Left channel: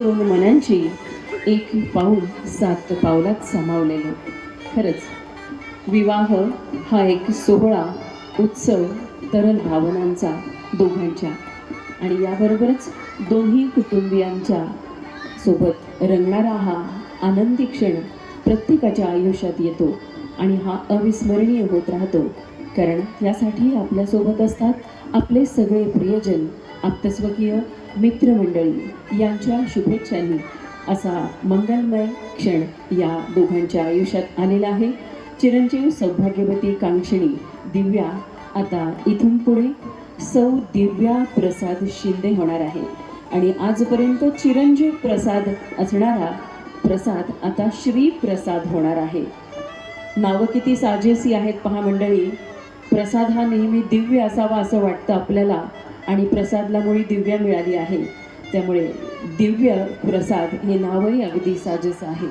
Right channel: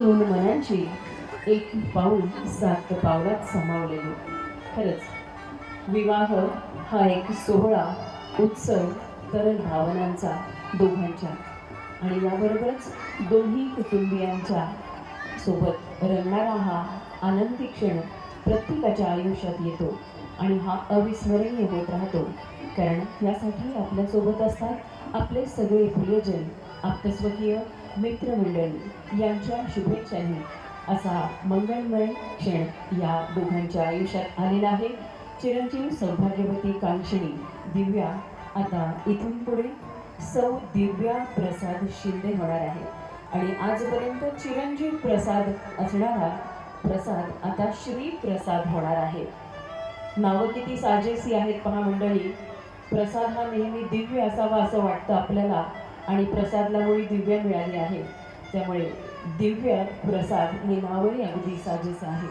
दोन मनांची एक पाऊल सात पावलात सामावलेले. खरंच विवाह हा एक सोहळा, उत्सव, तरल भावनांचा दोघांच्या आणि याबरोबरच दोन्ही कुटुंबियांच्या सोबत रंगणारा हा आनंदी क्षण प्रत्येकाच्या आयुष्यात येतो आणि हा अविस्मरणीय होत राहतो. कारण यासाठी आपल्यासोबत असतात आपले सगळे प्रियजन, आप्तस्वकीय, मित्रमंडळी यांच्या शुभेच्छांनी असा मंगलमय क्षण या दोघांच्या आयुष्यात आलेला आहे. चिरंजीव सौभाग्यवती कांक्षणी दिव्या आता इथून पुढे सौ दिव्या प्रसाद शिंदे होणार आहे आणि आजपर्यंत चिरंजीव प्रसाद असणारा प्रसाद आता श्री प्रसाद होणार आहे. नावं किती साजेसी आहेत पहा मंडळी. प्रसाद हा नेहमी दिव्य असावा असं वाटतं आपल्याला आणि प्रसादलामुळे दिव्या मिळाली आहे, त्यामुळे दिव्य प्रसाद हे नावही अगदी साजेस आहे.